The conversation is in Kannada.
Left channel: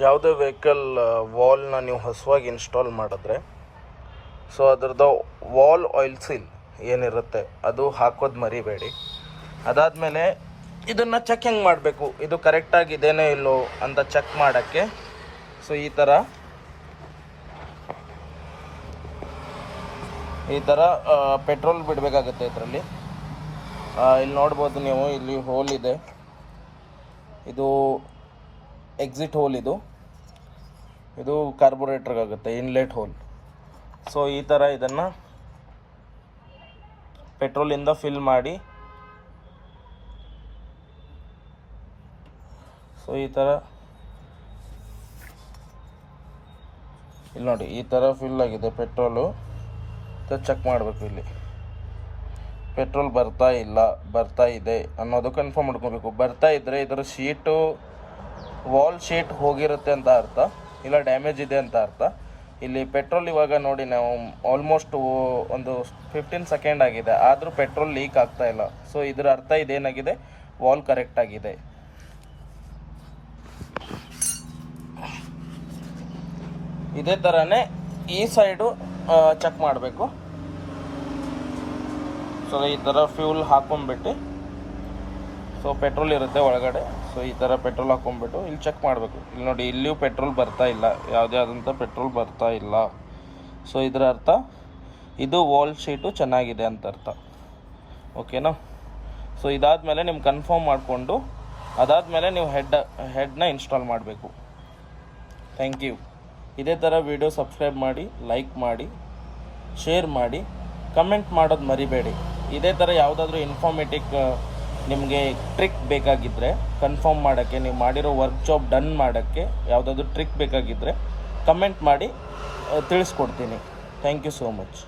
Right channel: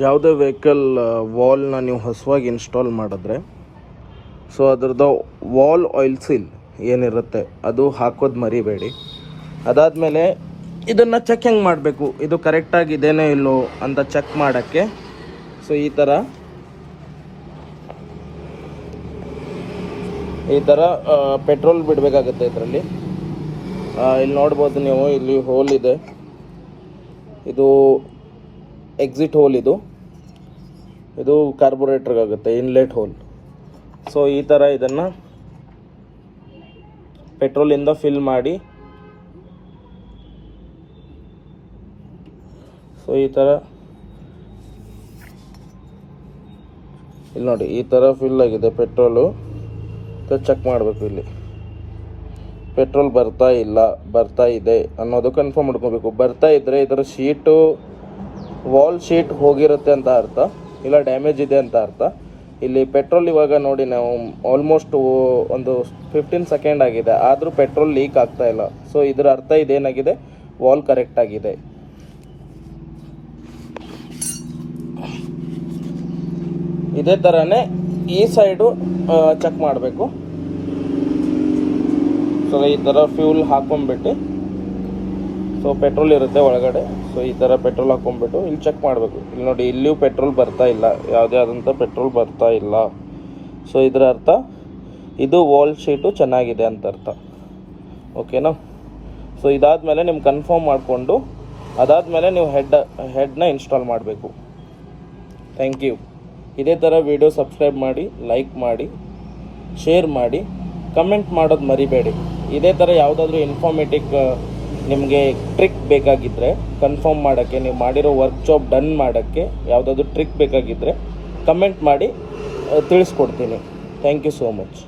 ಯಾವುದೇ ವೆಹಿಕಲ್ ವಾಲ್ನ ನೀವು ಹೊಸವಾಗಿ ಇನ್ಸ್ಟಾಲ್ ಮಾಡಿದ್ರೆ ಸೊ ಅದರದ್ದು ವಾಲ್ ಆಯಿಲ್ ಸೀಲ್ ಏನಿರುತ್ತೆ ಅದು ಹಾಕೋದು ಮರಿಬೇಡಿ. ಅದಾದಮೇಲೆ ಇದನ್ನು ಚೆಕ್ ಹೆಂಗೆ ಮಾಡಬೇಕು, ಇದು ಕರೆಕ್ಟಾಗಿ ಇದೇನೋ ಇಲ್ಲೋ ಅಂತ ಚೆಕ್ ಮಾಡೋಕ್ಕೆ ಸೊ ಈ ಥರ ಪೆಟ್ರೋಲ್ ಬಿಡಬೇಕಾಗುತ್ತೆ. ಇದರಲ್ಲಿ ಇಲ್ಲಿ ನೋಡ್ಬೋದು ನೀವು, ಇಲ್ಲಿ ಹೋಲ್ ಇದೆ, ಇದು ಎಕ್ಸಿಟ್ ಹೋಲ್, ಇದು ಕಾರ್ಬೊರೇಟ್ರಿಗಾಗುತ್ತೆ ಇನ್ಲೆಟ್ ಹೋಲ್. ಸೊ ಈ ಥರ ಇದನ್ನು ಪೆಟ್ರೋಲಿಂದ ಫಿಲ್ ಮಾಡಿ, ಸೊ ಈ ಥರ ಇಲ್ಲಿ ನೋಡಿ, ಈ ಥರ ಫಿಲ್ ಆಗಿದೆ ಪೆಟ್ರೋಲು. ಚೆಕ್ ಮಾಡಬೇಕು, ಇಲ್ಲಿ ಪೆಟ್ರೋಲ್ ಬರ್ತಾ ಇದೆ ಅನ್ನೋದು ಕನ್ಫರ್ಮ್ ಮಾಡ್ಕೋಬೇಕು. ಬರ್ತಾ ಇದ್ದರೆ ಇದರ ಶೀಟು, ವಾಲ್ ಶೀಟ್ ಹೋಗಿರುತ್ತೆ ಅಂತ ಅರ್ಥ, ಇಲ್ಲ ಡ್ಯಾಮೇಜ್ ಇದೆ ಅಂತ ಅರ್ಥ. ಇಲ್ಲಿ ಪೆಟ್ರೋಲ್ ಇವಾಗ ನೋಡಿ, ನಾವು ಆಲ್ಮೋಸ್ಟ್ ಒಂದು 15 ಸೆಕೆಂಡ್ ಆಗಿದೆ, ಆದರೂ ಪೆಟ್ರೋಲ್ ಲೀಕ್ ಆಗ್ತಾ ಇಲ್ಲ. ಸೊ ಇದರ ಅರ್ಥ ಇದೇನಾಗಿದೆ, ವಾಲ್ ಕರೆಕ್ಟ್ ಆಗಿದೆ. ಇದೇ ಥರನೇ ಈ ಸೈಡು ಚೆಕ್ ಮಾಡಬೇಕು. ಸೊ ಈ ಥರ ಫ್ಯೂಲ್ ಹಾಕೊಂಡ್ಬಿಟ್ಟು, ಸೊ ಪೆಟ್ರೋಲ್ ಇರುತ್ತೆ ಒಳಗಡೆ, ಸೊ ಈ ಥರ ಪೆಟ್ರೋಲ್ ಹಾಕೊಂಡ್ಬಿಟ್ಟು ಇಲ್ಲಿ ಚೆಕ್ ಮಾಡಬೇಕು. ಇಲ್ಲಿ ನೋಡಿ, ಇಲ್ಲಿಯೂ ಪೆಟ್ರೋಲ್ ಬರ್ತಾ ಇಲ್ಲ, ಯಾವುದೇ ಆದಂಥ ಪೆಟ್ರೋಲ್ ಬರ್ತಾ ಇಲ್ಲ. ಸೊ ಇದರ ಅರ್ಥ ಇದು ವಾಲ್ ಶೀಟು ಚೆನ್ನಾಗಿದೆ ಅಂತ ಅರ್ಥ. ಓಕೆನಾ? ಸೊ ಇದಾದಮೇಲೆ ನಿಮ್ಗೆ ಕನ್ಫರ್ಮ್ ಮಾಡಿಕೊಂಡು ಅದಾದಮೇಲೆ ನೀವು ಹೆಡ್ನ ಇನ್ಸ್ಟಾಲ್ ಮಾಡಬೇಕು. Thank you. ಇದೇ ಥರ ವಿಡಿಯೋ ಸಬ್ಸ್ಕ್ರೈಬ್ ಮಾಡಿ, ಲೈಕ್ ಮಾಡಿ, ಶೇರ್ ಮಾಡಿ, ಕಮೆಂಟ್ ಮಾಡೋದು ಮರಿಬೇಡಿ. ಇದೇ ಥರ ಯಾವುದಾದ್ರೂ ಇನ್ಫಾರ್ಮೇಟಿವ್ ನಿಮಗೆ ಟ್ರಿಕ್ ಬೇಕಾಗಿದ್ದರೆ, ಕನ್ಫರ್ಮ್ ಮಾಡೋಕ್ಕೆ, ನೀವು ಮಾಡಿರೋ ವರ್ಕ್ ಜಾಬ್ ಡನ್ ಮಾಡೋಕ್ಕೆ ಯಾವುದಾದ್ರೂ ಟ್ರಿಕ್ ಬೇಕಾಗಿದ್ದರೆ ಕಮೆಂಟ್ ಮಾಡಿ ತಿಳಿಸ್ಕೊಡ್ತೀನಿ. Thank you so much.